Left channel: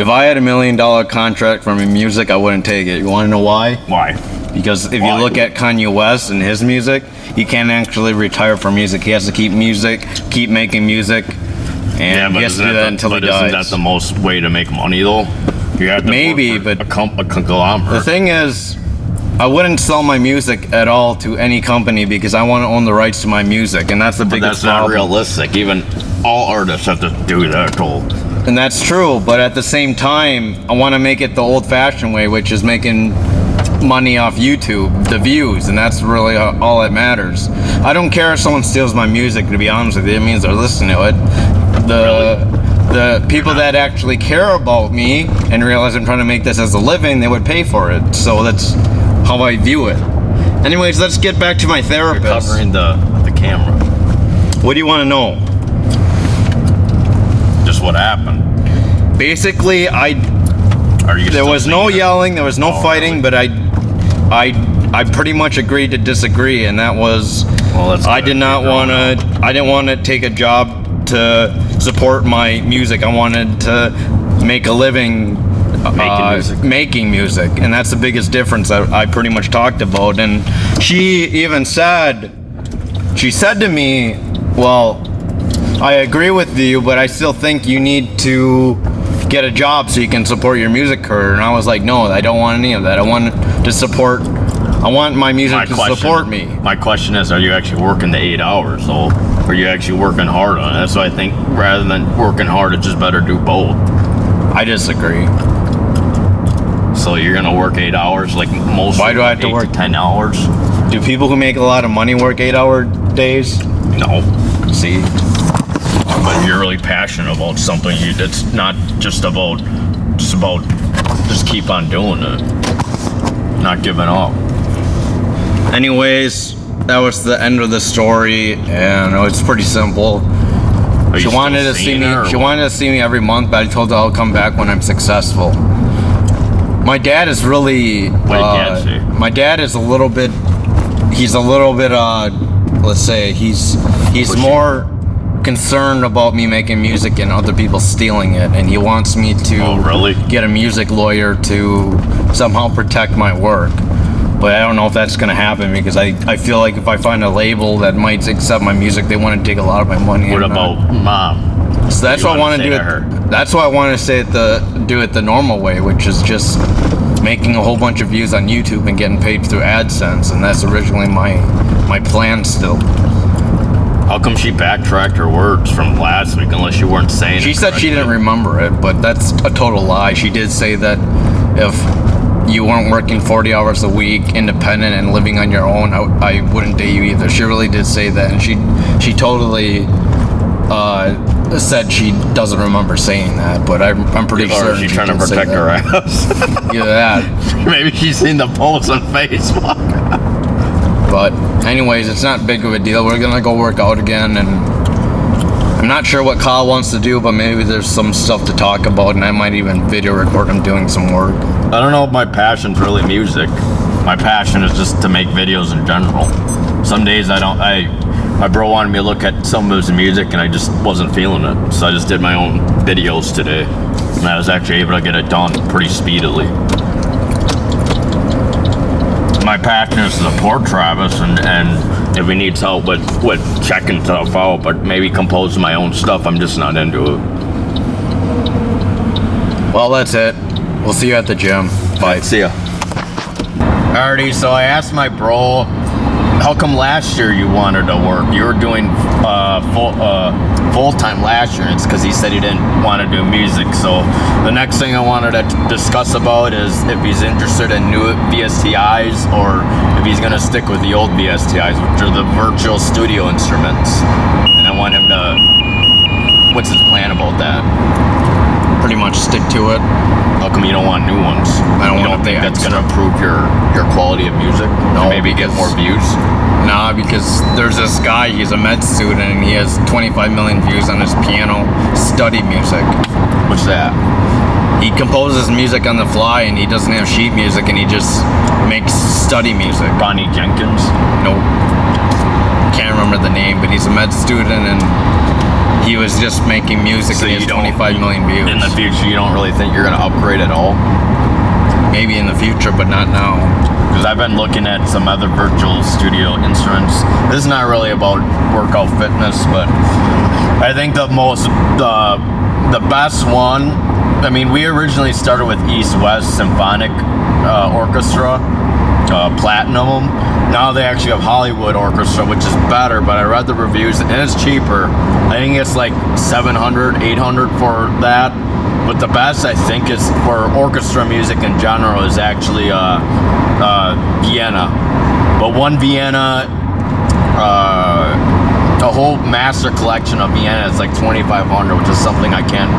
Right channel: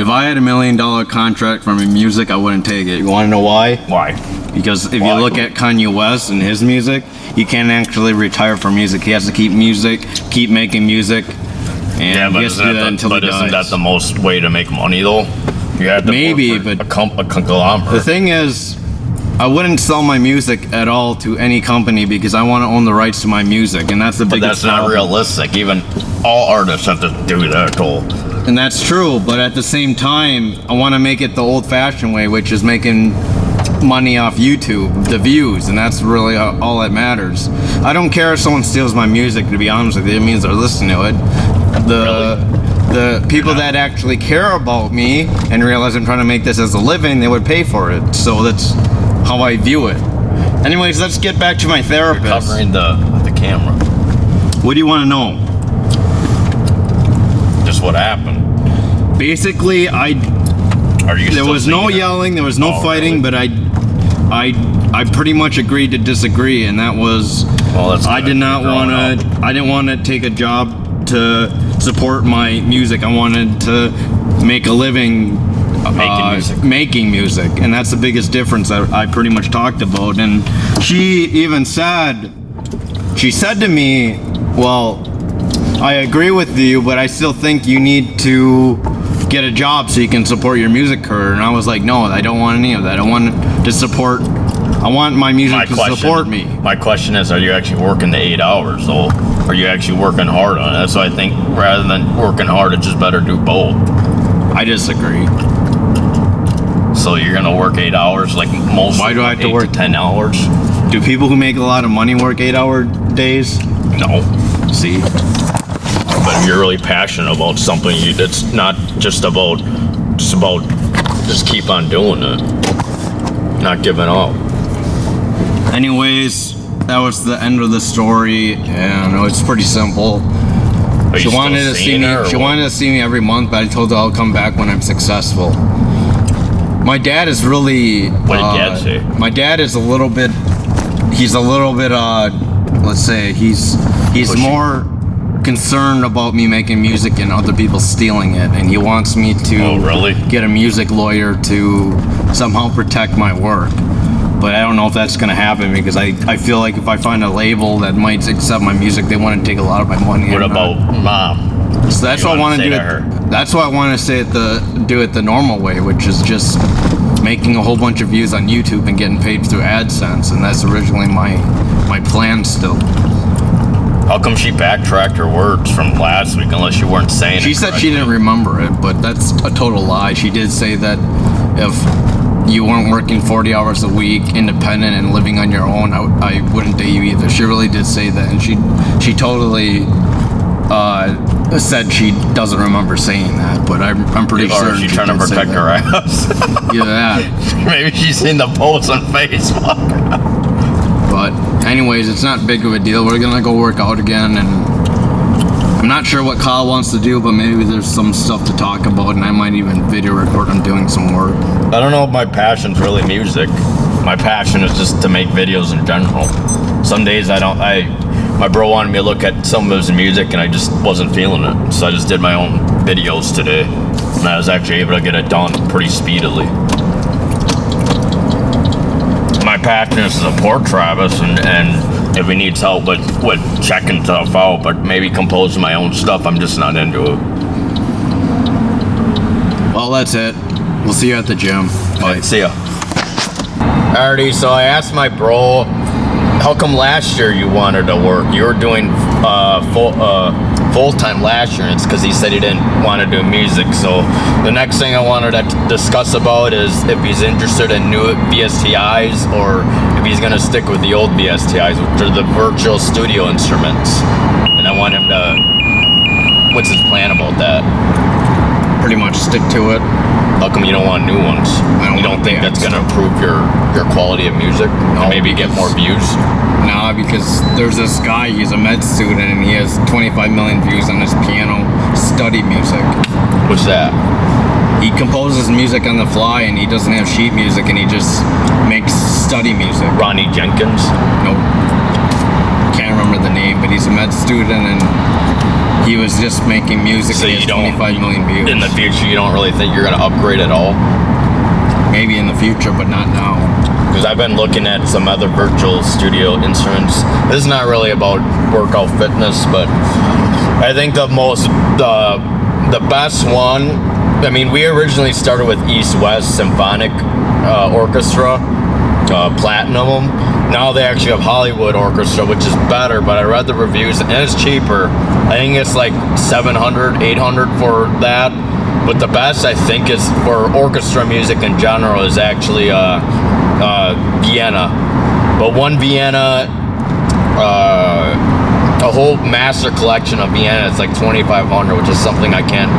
If I had $1 million contract for my music, I wouldn't take it. You want to know why? Why? Because if you look at Kanye West and his music, he can't actually retire from music. He has to keep making music, and he has to do that until he dies. Isn't that the most way to make money, though? You have to maybe, work for but a conglomerate. The thing is, I wouldn't sell my music at all to any company because I want to own the rights to my music, and that's the biggest problem. That's not realistic. Even all artists have to do that, though. And that's true, but at the same time, I want to make it the old-fashioned way, which is making money off YouTube, the views, and that's really all that matters. I don't care if someone steals my music, to be honest with you. It means they're listening to it. The people that actually care about me and realize I'm trying to make this as a living, they would pay for it. So that's how I view it. Anyways, let's get back to my therapist. You're covering the camera. What do you want to know? Just what happened. Basically, there was no yelling, there was no fighting, but I pretty much agreed to disagree, and that was I didn't want to take a job to support my music. I wanted to make a living making music, and that's the biggest difference that I pretty much talked about. And she even said to me, well, I agree with you, but I still think you need to get a job so you can support your music career. And I was like, no, I don't want any of that. I want my music to support me. My question is, are you actually working the 8 hours, though? Are you actually working hard on it? That's why I think rather than working hard, it's just better do both. I disagree. So you're gonna work 8 hours, like most? Why do I have to work 10 hours? Do people who make a lot of money work 8-hour days? No. See? But if you're really passionate about something, it's not just keep on doing it, not giving up. Anyways, that was the end of the story, and it's pretty simple. She wanted to see me. She wanted to see me every month, but I told her I'll come back when I'm successful. My dad is really. What did Dad say? My dad is a little bit. He's a little bit. Let's say he's more concerned about me making music and other people stealing it, and he wants me to get a music lawyer to somehow protect my work. But I don't know if that's going to happen because I feel like if I find a label that might accept my music, they want to take a lot of my money. What about Mom? So that's why I want to do it. That's why I want to do it the normal way, which is just making a whole bunch of views on YouTube and getting paid through AdSense, and that's originally my plan still. How come she backtracked her words from last week unless you weren't saying it? She said she didn't remember it, but that's a total lie. She did say that if you weren't working 40 hours a week, independent and living on your own, I wouldn't date you either. She really did say that, and she totally said she doesn't remember saying that, but I'm pretty sure she's trying to protect her ass. Yeah. Maybe she's seen the posts on Facebook. But anyways, it's not big of a deal. We're gonna go work out again, and I'm not sure what Kyle wants to do, but maybe there's some stuff to talk about, and I might even video record him doing some work. I don't know if my passion's really music. My passion is just to make videos in general. Some days my bro wanted me to look at some of his music, and I just wasn't feeling it. So I just did my own videos today, and I was actually able to get it done pretty speedily. My passion is to support Travis, and if he needs help with checking stuff out, but maybe composing my own stuff, I'm just not into it. Well, that's it. We'll see you at the gym. Bye. See ya. Alrighty, so I asked my bro, how come last year you wanted to work? You were doing full-time last year, and it's because he said he didn't want to do music. So the next thing I wanted to discuss about is if he's interested in new VSTIs or if he's going to stick with the old VSTIs, which are the virtual studio instruments. And I want him to, what's his plan about that? Pretty much stick to it. How come you don't want new ones? I don't think that's going to improve your quality of music? No, maybe get more views? Nah, because there's this guy, he's a med student, and he has 25 million views on his piano study music. What's that? He composes music on the fly, and he doesn't have sheet music, and he just makes study music. Ronnie Jenkins? Nope. Can't remember the name, but he's a med student, and he was just making music So and he you has don't- 25 million views. In the future, you don't really think you're gonna upgrade at all? Maybe in the future, but not now. Because I've been looking at some other virtual studio instruments. This is not really about workout fitness, but I think the best one, I mean, we originally started with East West Symphonic Orchestra, Platinum. Now they actually have Hollywood Orchestra, which is better, but I read the reviews and it's cheaper. I think it's like $700, $800 for that. But the best, I think, is for orchestra music in general is actually Vienna. But one Vienna, a whole master collection of Vienna is like $2,500, which is something I can't,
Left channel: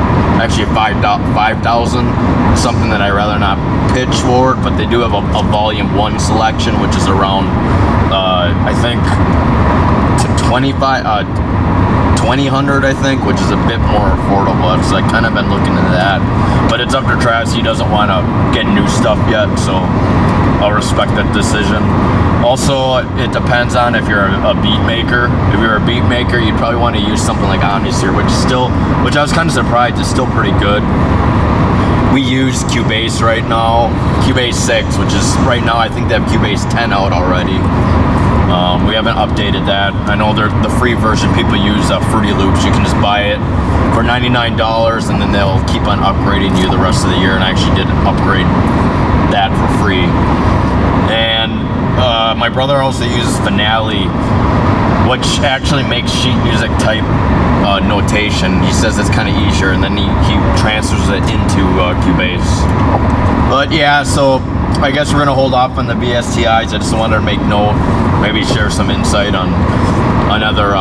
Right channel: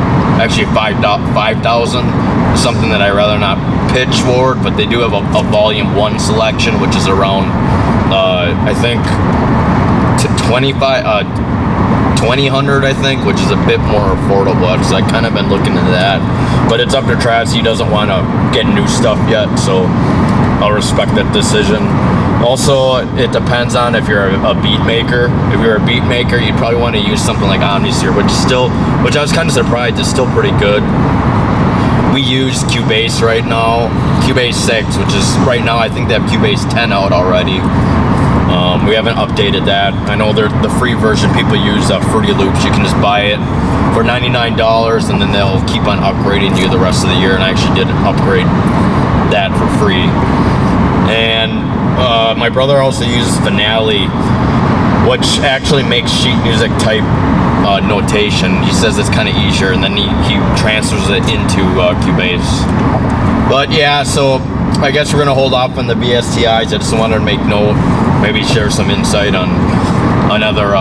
actually $5,000 is something that I'd rather not pitch for, but they do have a volume 1 selection, which is around, I think, to $2,000, I think, which is a bit more affordable. So I kind of been looking into that, but it's up to Travis. He doesn't want to get new stuff yet, so I'll respect that decision. Also, it depends on if you're a beat maker. If you're a beat maker, you'd probably want to use something like Omnisphere, which I was kind of surprised is still pretty good. We use Cubase right now, Cubase 6, which is right now I think they have Cubase 10 out already. We haven't updated that. I know the free version people use Fruity Loops. You can just buy it for $99 and then they'll keep on upgrading you the rest of the year. And I actually did upgrade that for free. And my brother also uses Finale, which actually makes sheet music type notation. He says it's kind of easier, and then he transfers it into Cubase. But yeah, so I guess we're gonna hold off on the VSTIs. I just wanted to make note, maybe share some insight on other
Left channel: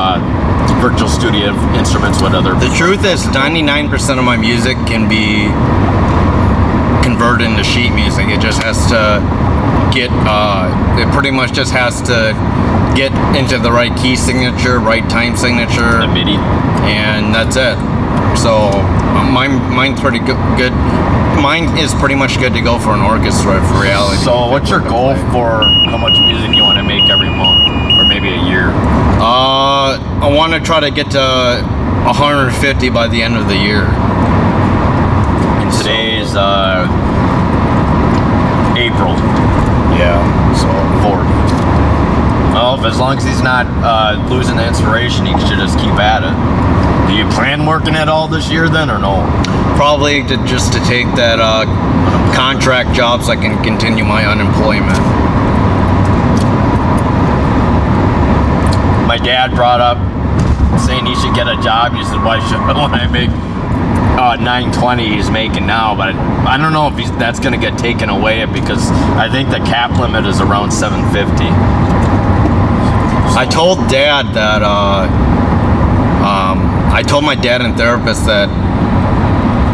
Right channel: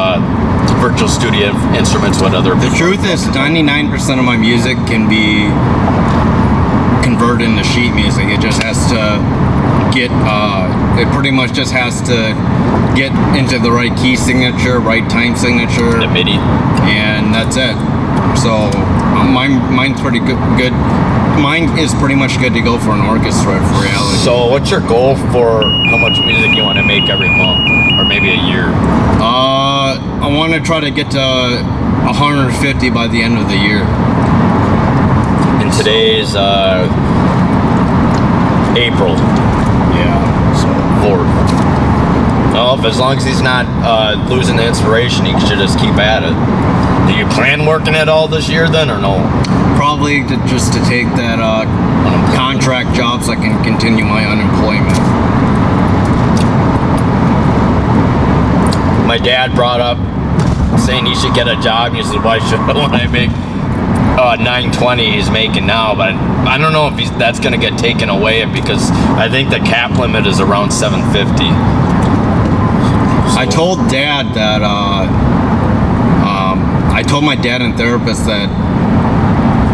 virtual studio instruments with other. The truth is, 99% of my music can be converted into sheet music. It just has to get, it pretty much just has to get into the right key signature, right time signature, the MIDI, and that's it. So mine's pretty good. Mine is pretty much good to go for an orchestra for reality. So what's your goal for how much music you want to make every month, or maybe a year? I want to try to get to 150 by the end of the year. And today's April. Yeah, so 4th. Well, as long as he's not losing the inspiration, he should just keep at it. Do you plan working at all this year then, or no? probably just to take that contract job so I can continue my unemployment. My dad brought up saying he should get a job. He said, why should I make $920 he's making now? But I don't know if that's going to get taken away because I think the cap limit is around $750. I told Dad that I told my dad and therapist that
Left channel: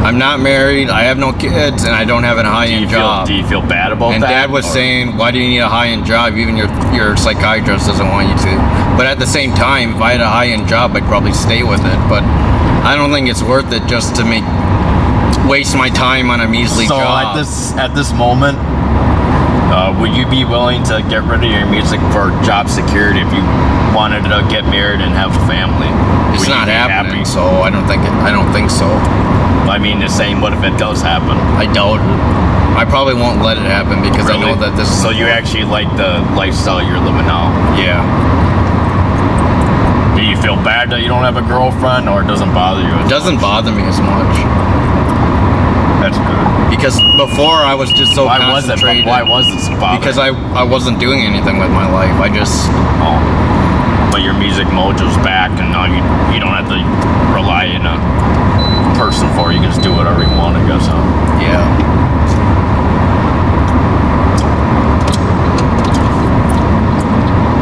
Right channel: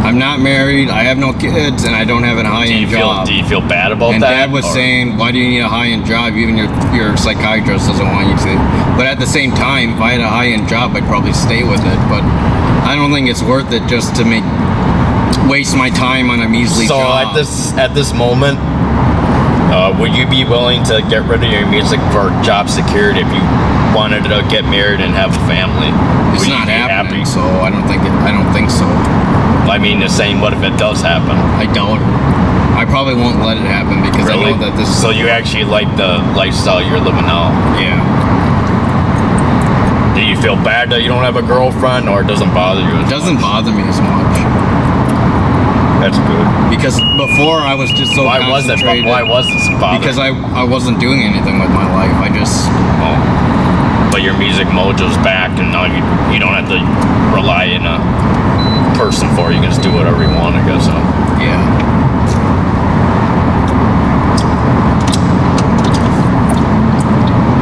I'm not married, I have no kids, and I don't have a high-end job. Do you feel bad about and that? And Dad was saying, why do you need a high-end job? Even your psychiatrist doesn't want you to. But at the same time, if I had a high-end job, I'd probably stay with it. But I don't think it's worth it just to waste my time on a measly job. So at this moment, would you be willing to get rid of your music for job security if you wanted to get married and have a family? It's not happening, so I don't think so. I mean, just saying, what if it does happen? I doubt it. I probably won't let it happen because really? I know that this is... So you actually like the lifestyle you're living now? Yeah. Do you feel bad that you don't have a girlfriend, or it doesn't bother you as much? It doesn't bother me as much. That's good. Because before I was just so concentrated. Why was it so bothering? Because I wasn't doing anything with my life. I just... Oh. But your music mojo's back, and now you don't have to rely on a person for it. You can just do whatever you want, I guess, huh? Yeah.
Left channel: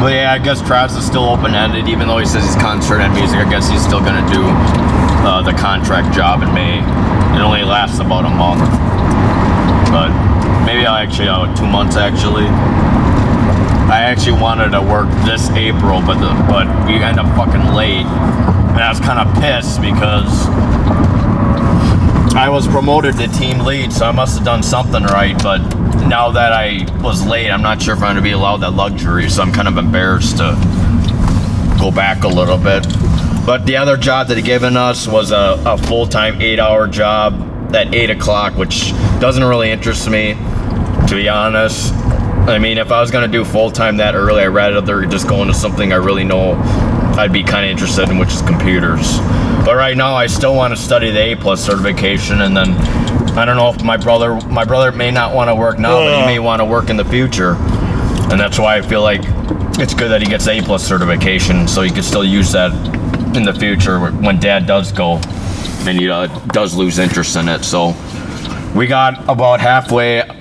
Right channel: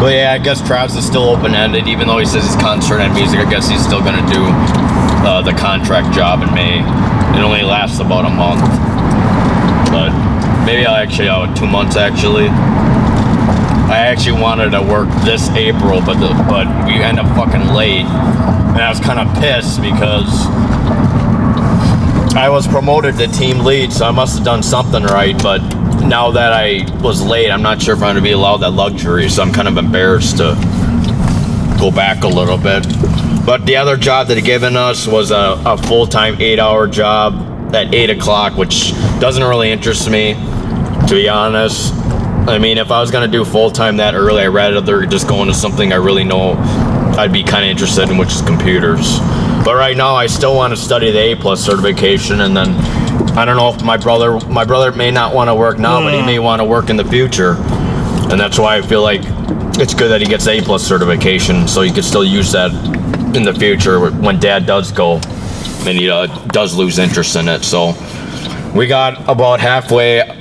Well, yeah, I guess Travis is still open-ended, even though he says he's concentrated on music. I guess he's still gonna do the contract job in May. It only lasts about a month, but maybe I'll 2 months actually. I actually wanted to work this April, but we end up fucking late, and I was kind of pissed because I was promoted to team lead, so I must have done something right. But now that I was late, I'm not sure if I'm going to be allowed that luxury, so I'm kind of embarrassed to go back a little bit. But the other job that they'd given us was a full-time 8-hour job at 8 o'clock, which doesn't really interest me, to be honest. I mean, if I was gonna do full-time that early, I'd rather just go into something I really know I'd be kind of interested in, which is computers. But right now, I still want to study the A+ certification, and then I don't know if my brother may not want to work now, but he may want to work in the future, and that's why I feel like it's good that he gets A+ certification, so he could still use that in the future when Dad does go, and he does lose interest in it. So we got about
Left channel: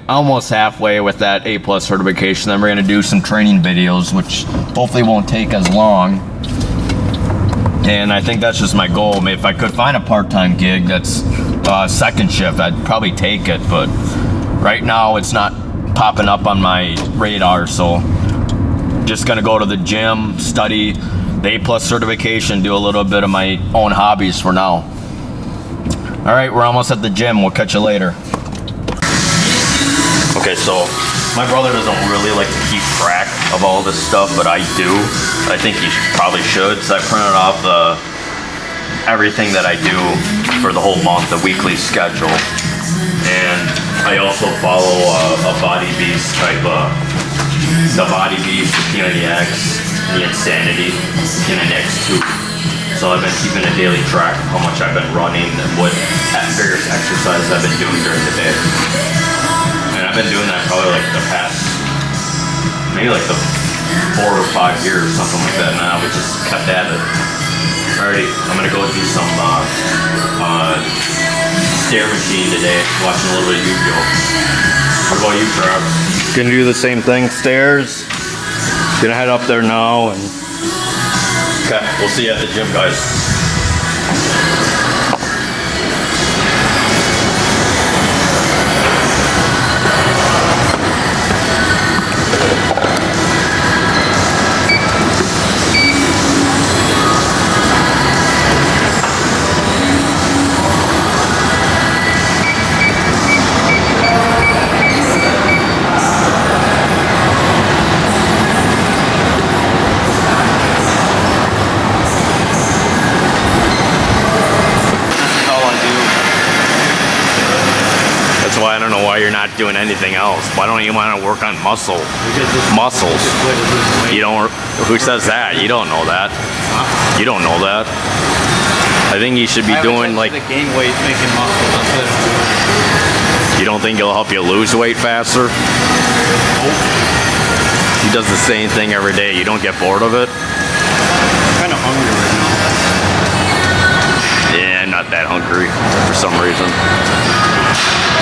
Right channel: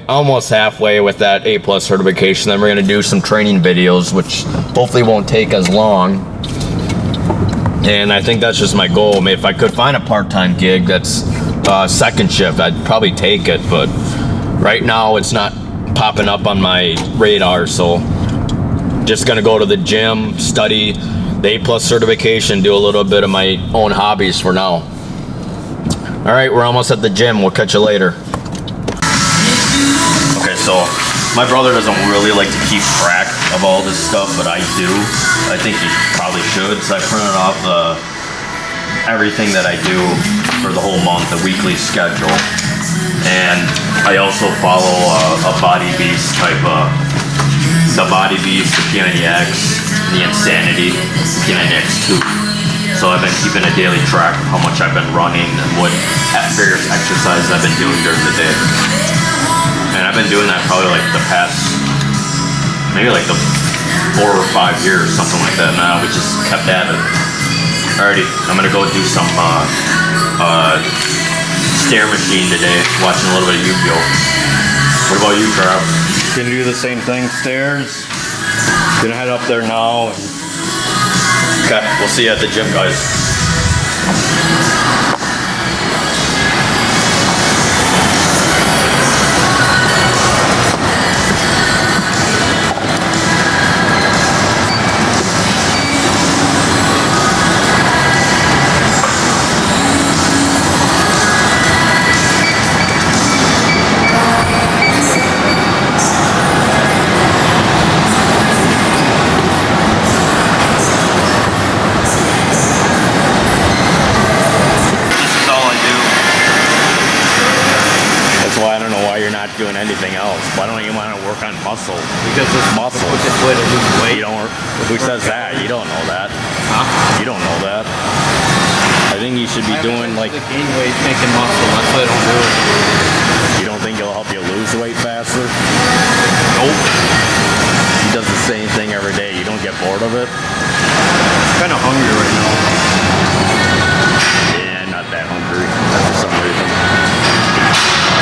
almost halfway with that A+ certification. Then we're gonna do some training videos, which hopefully won't take as long. And I think that's just my goal. I mean, if I could find a part-time gig that's second shift, I'd probably take it. But right now, it's not popping up on my radar. So just gonna go to the gym, study the A+ certification, do a little bit of my own hobbies for now. All right, we're almost at the gym. We'll catch you later. Okay, so my brother doesn't really like to keep track of all this stuff, but I do. I think he probably should. So I printed off everything that I do for the whole month, the weekly schedule. And I also follow a Body Beast type of, the Body Beast, the P90X, the Insanity, P90X2. So I've been keeping a daily track of how much I've been running and what various exercises I've been doing during the day. And I've been doing that probably like the past, maybe like the 4 or 5 years, something like that. Now we just kept at it. Alrighty, I'm gonna go do some stair machine today, watching a little bit of Yu-Gi-Oh. What about you, Trav? Gonna do the same thing, stairs. Gonna head up there now. And okay, we'll see you at the gym, guys. I don't know why you're not doing anything else. Why don't you want to work on muscle? because it's Muscles. the quickest way to lose weight. You don't. Who says that? You don't know that. Huh? You don't know that. I think you should be doing like. Gain weight making muscle. That's why I don't do it. You don't think it'll help you lose weight faster? Nope. He does the same thing every day. You don't get bored of it? I'm kind of hungry right now. Yeah, not that hungry for some reason.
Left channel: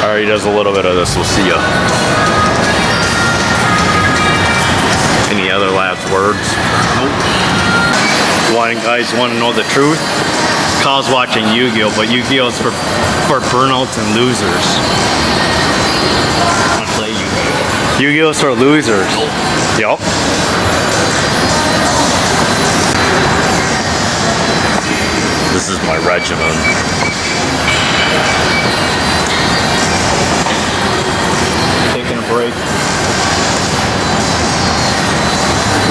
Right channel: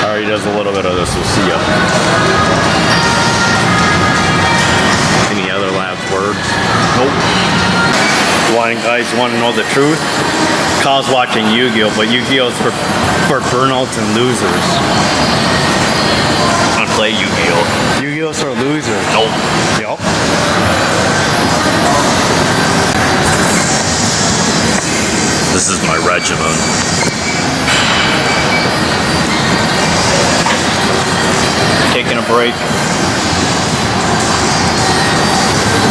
Alright, he does a little bit of this. We'll see ya. Any other last words? Nope. Guys want to know the truth? Kyle's watching Yu-Gi-Oh, but Yu-Gi-Oh is for burnouts and losers. I play Yu-Gi-Oh. Yu-Gi-Oh is for losers. Nope. Yep. This is my regimen. Taking a break.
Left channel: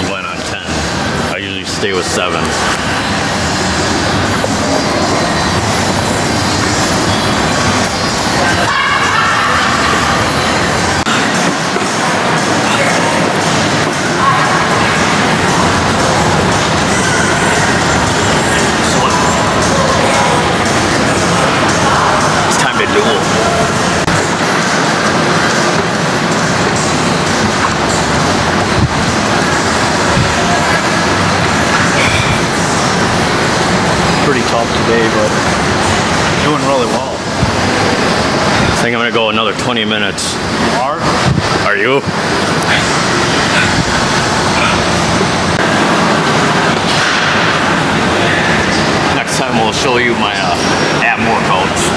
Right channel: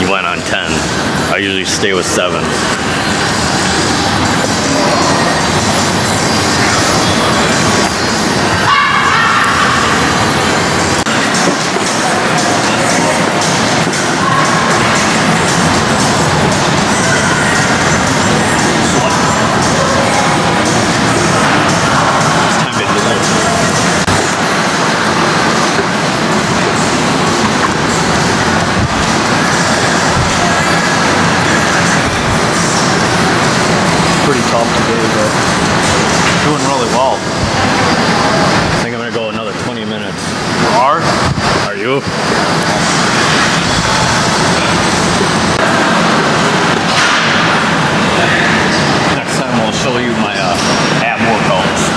You went on 10. I usually stay with 7. Pretty tough today, but doing really well. I think I'm gonna go another 20 minutes. Are you? Next time we'll show you my ab workouts.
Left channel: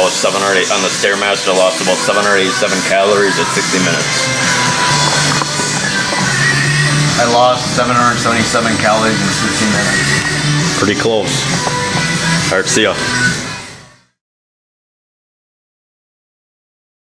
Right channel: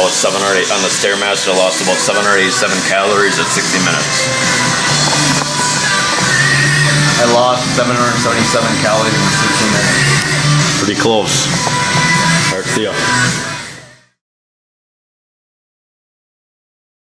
about 7 or 8 on the Stairmaster. I lost about 787 calories at 60 minutes. I lost 777 calories in 60 minutes. Pretty close. All right, see ya.